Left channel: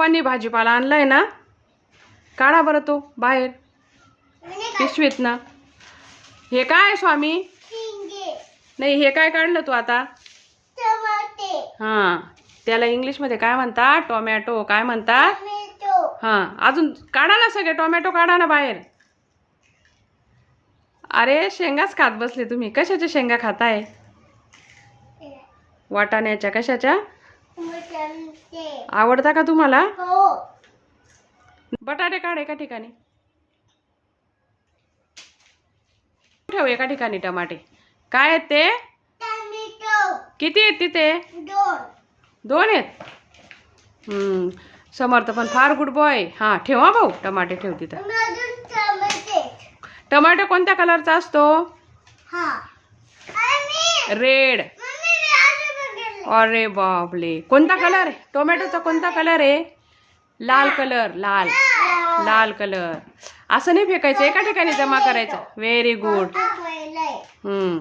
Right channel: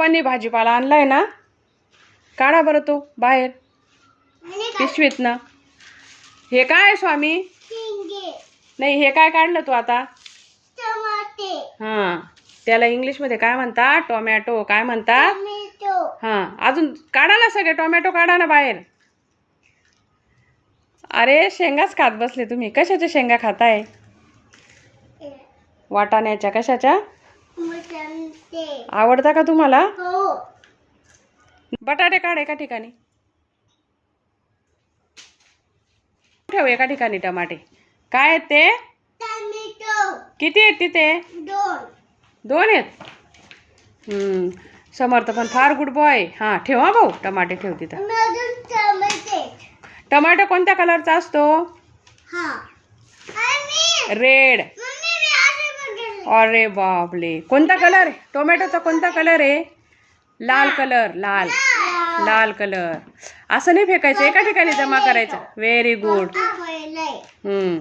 पप्पांनी भाजीपाला आणलाय ना? काढा बरं तो बाहेर. पिशवीत ना. हे काय स्वामी? नाही हे काय काढलं तू आता? हां त्याला इंग्लिशमध्ये काय म्हणतात? टोमॅटो काय म्हणतात? हां अजून काढा ना सगळे टोमॅटो काढा ना बाहेर. अरे शेंगाच खात बसले तुम्ही. कशाच्या शेंगा खाताय? वाटाण्याच्या कशाच्या? आवडता का तुम्हाला? बटाटे काढ एका ठिकाणी. ठेव एका ठिकाणी टमाटे. काय आहेत ते? किती आहेत तिथे? दोन. आहेत? हम्म, समर्थ पण फार गुड बॉय हां ठेवा भाऊ टमाटे ठेव तिथं. टमाटो कोणत्या कलरचा असतो? रेड अरे बापले कोणता कलर आहे? टोमॅटोचा कोणता कलर आहे? लाल कलर लाल. लाल कलर असं नाही फेकायचं एका ठिकाणी जमा करायचं. व्हेरी गुड हम्म.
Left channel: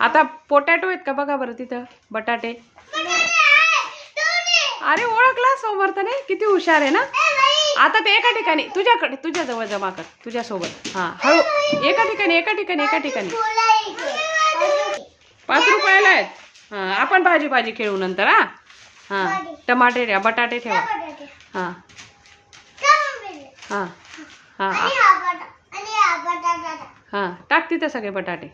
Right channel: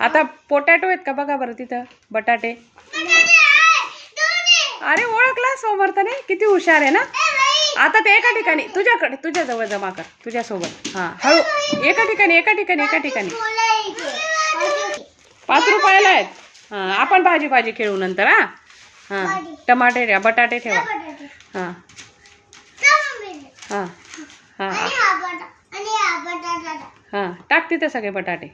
आता पोटॅटो आहेत का बघा बरं तिथं? बटाटे. अरे ओळखला समर्थने किती हुशार आहे ना? आता ते एका ठिकाणी तुझ्याकडे तुझ्याजवळ जमा कर. तुझ्यासोबत. हां हळू. एका ठिकाणी एका ठिकाणी एका ठिकाणी. पाच रुपयाला आहेत. हां आपण भाजी भाजी खेळू नंतर हां? हां टमाटे ठेवा बटाटे ठेवा. हां. हां हां. हां टाक तिथे सगळे बटाटे.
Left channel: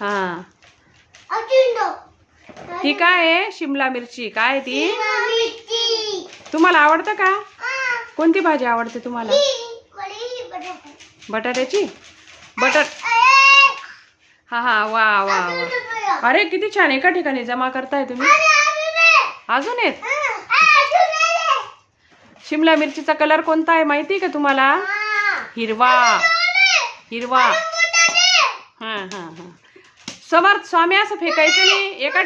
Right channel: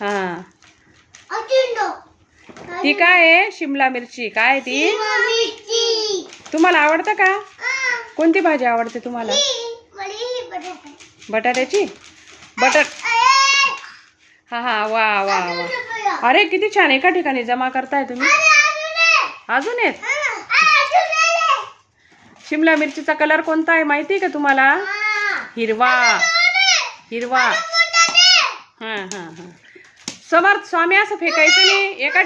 हां. ती काय आहे? शिमला मिरची. काय ती? तुम्हाला आवडतं का? कोणती भाजी आवडते तुम्हाला? बटाट्याची? बटाट हा हा. वा वा वा. अरे किती छान. एका ठिकाणी जमा करताय तुम्ही. अजून आहेत शिमला मिरचीचा कलर कोणता आहे माहिती आहे का तुम्हाला? हिरवा. हिरवा. हां हां हां. समर्थ स्वामी असं फेकायचं नाही. एका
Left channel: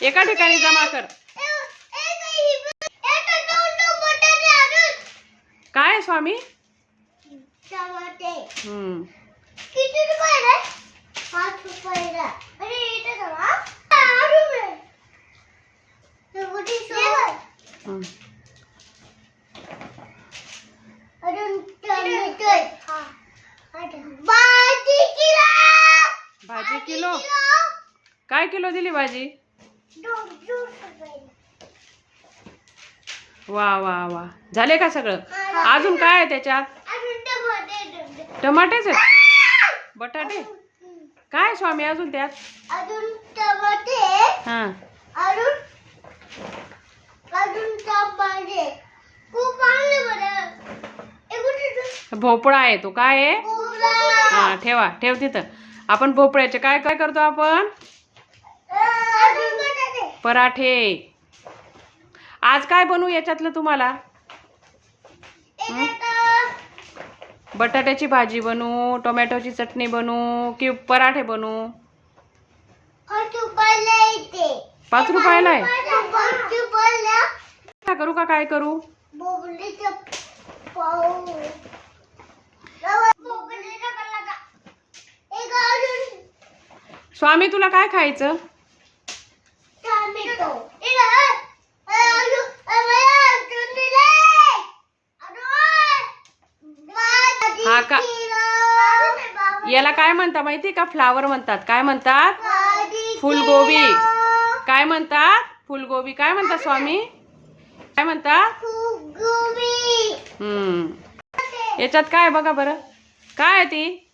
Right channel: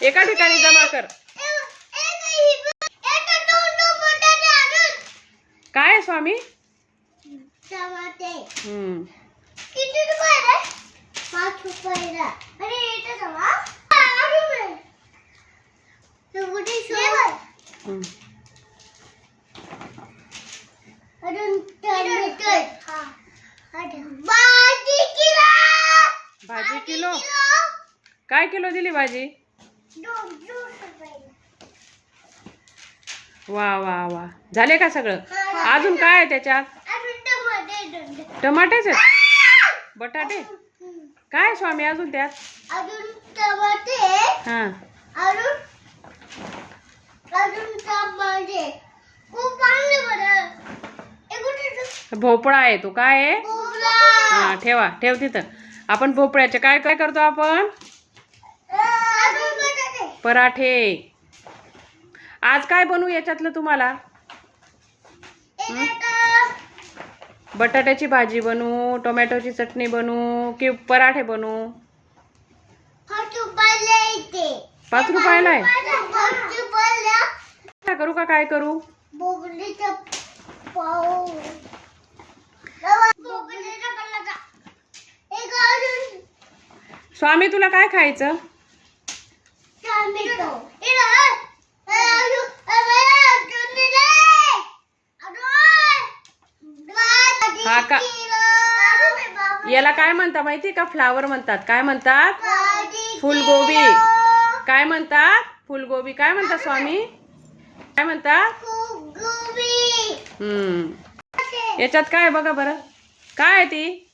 एका ठिकाणी जमा कर. काय स्वामी हम्म किती रुपये पाच रुपयाला अरे येते जमा अजून हम्म. टोमॅटो हा भाजी किलो भाजी किलो काय किलो दिली भाजी वा वा वा झाले का सगळं अजून काय आहे त्याच्यात. टमाटेच आहेत बटाटे काय स्वामी अजून त्यात? अजून टमाटे हां. अजून अजून टमाटे खूप चांगले बरं. ए, कुठे ठेवू? भोपळा आहे तो. काय आहे. हां ठेवा. ठेव तिथं. आपण भोपळ्याचे काय काय करतो आपण? पराठे. आज काय बनवू याच्यातलं तुम्हाला? बटाट्याची भाजी बनवू टोमॅटोची चटणी बनवू की पराठे बनवू पाच रुपयाला आहे? करू का काय करू? स्वामी तुला काय खायचं टोमॅटो ए, ए, ए, अजून, ए, मला अजून दिले. अजून. भाजी हा का? याला काय म्हणतात माहिती का? फ्लावर म्हणतात. काय म्हणतात? फुलगोबी. काय म्हणतात? फुलगोबी. काय म्हणतात स्वामी? काय म्हणतात. हम्म. याच्यात काय आहे बघा बरं. काय आहे ती?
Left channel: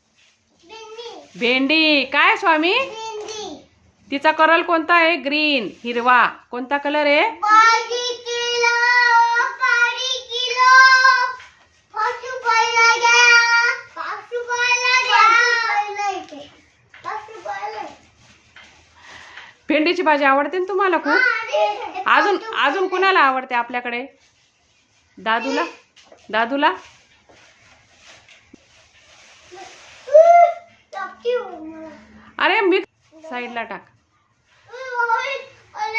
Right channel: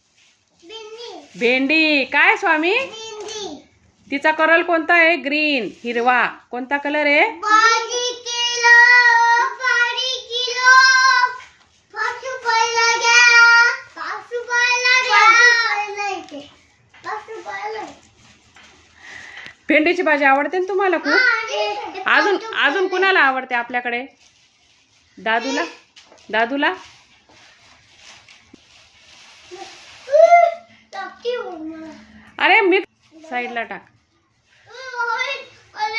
भेंडी. काय स्वामी. तिचा कलर कोणता आहे? ग्रीन. हिरवा. कोणता कलर आहे भाजी किलो. भाजी किलो. पाच रुपयाला घ्या. पाच रुपयाला घ्या. पाच रुपयाला. भेंडीची भाजी आवडते ना तुम्हाला खूप? अजून अजून कुणाला आवडते आपल्याकडे? दादूला? दादूला? हो. अरे मी साईडला टाक.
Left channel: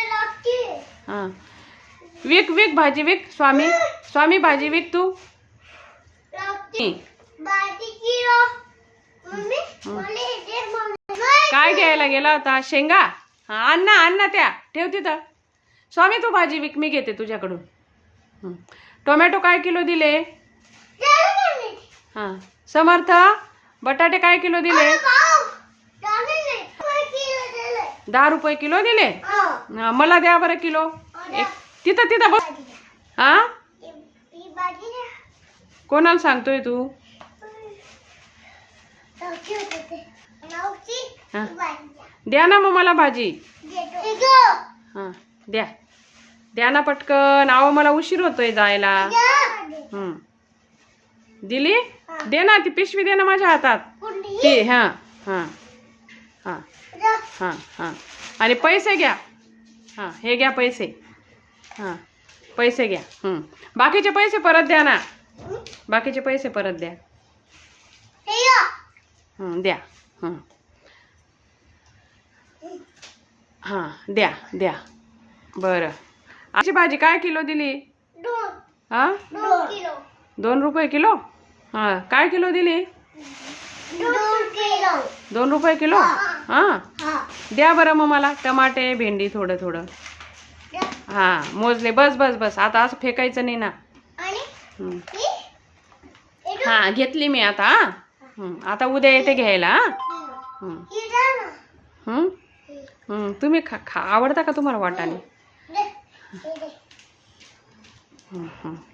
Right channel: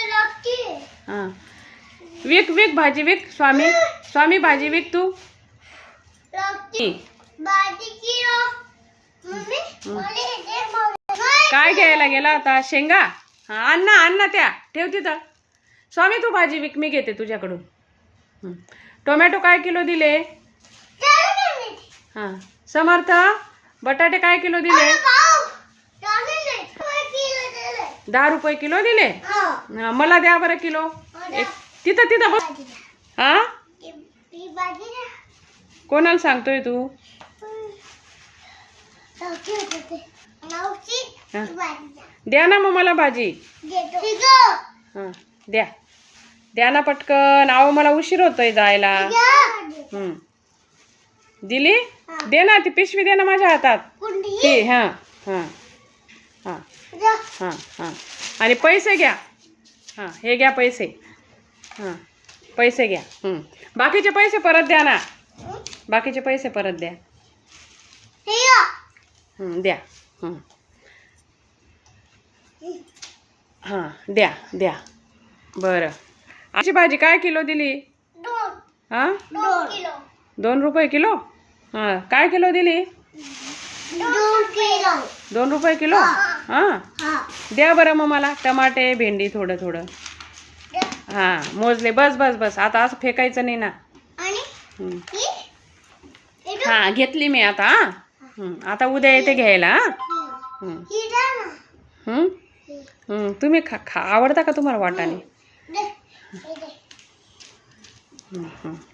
लागते. हां. विक विक भाजी विक. स्वामी स्वामी भाजी विक तू. हं. हे. काय घ्यायला गेला होता? शेंगा? हां अण्णा अण्णा त्या ठेव तिथं स्वामी तू भाजी विक मी घेते तुझ्याकडून. टोमॅटो काय किलो दिले. हां समर्थ बटाटे काय किलो दिले? दहा रुपये किलो दिले हा. मला द्या बरं किलो एक तिथं तिथं बघ. हां. कोणाला सांगतोय तू हा. द्या. ना मग मला भाजी. हां द्या. द्या ना पटकन. आहो मला उशीर होतोय जायला. द्या. हं. दिली? दे ना ती पिशवी दे ना माझ्या हातात. ती हां हां. हां. हां हां. आणि पैसे घ्या. हां हे घ्या पैसे. हां. पैसे घ्या. हं. बाकीचे पैसे परत द्या ना. बाकीचे पैसे परत द्या. द्या. हं. हां द्या द्या. बरं. आजची भाजी काय किलो दिली. हां? दोन रुपये किलो? हां काय किलो दिली? दोन रुपये किलो? हां. हा. द्या बरं मग मला टमाटे भेंडी थोडं थोडं. हां मोजले बस बस बस. आता असं फेकायचं नाही ना. हं. घेतली मी आता हां. हं, आता उद्या येते घ्यायला हां. तुम्ही खा खा. आवडता का तुम्हाला वाटाणे.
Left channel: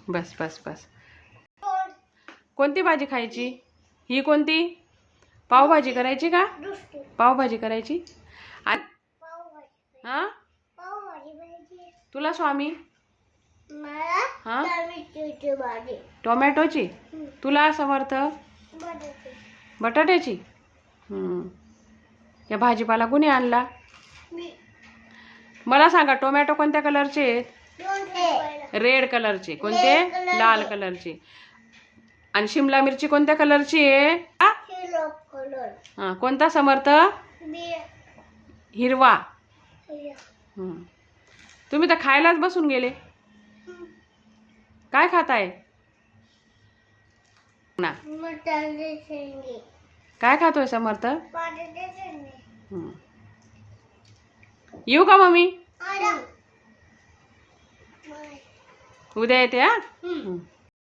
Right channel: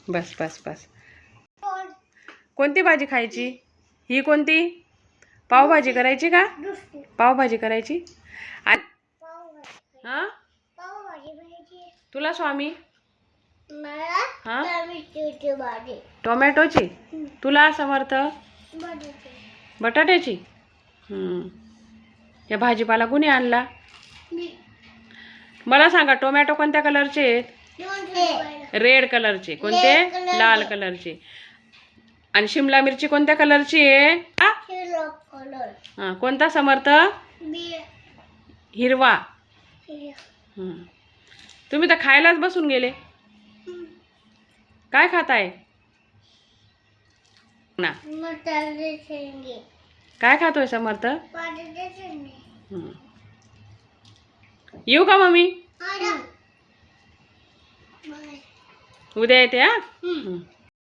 बस बस बस. कोणती भाजी खायची? ही कोणती? पावभाजी करायची का. पावभाजी करायची. हां. तुला स्वामी? हा? टोमॅटोची. तुला समर्थ बटाटे. बटाट्याची. या भाजीपाला कुणी आणला. मला सांगा टोमॅटो कोणत्या कलरचे आहेत. रेड कलरचे कोणते. लाल कलरचे आणि शिमला मिरची कोणत्या कलरची आहे. हा, कोणता समर्थ हिरवा. तुम्ही तर खायलाच बसून गेले. काय खाताय ना. काय खातोय समर्थ. हं. येऊ का मम्मी. उद्या येते. हं.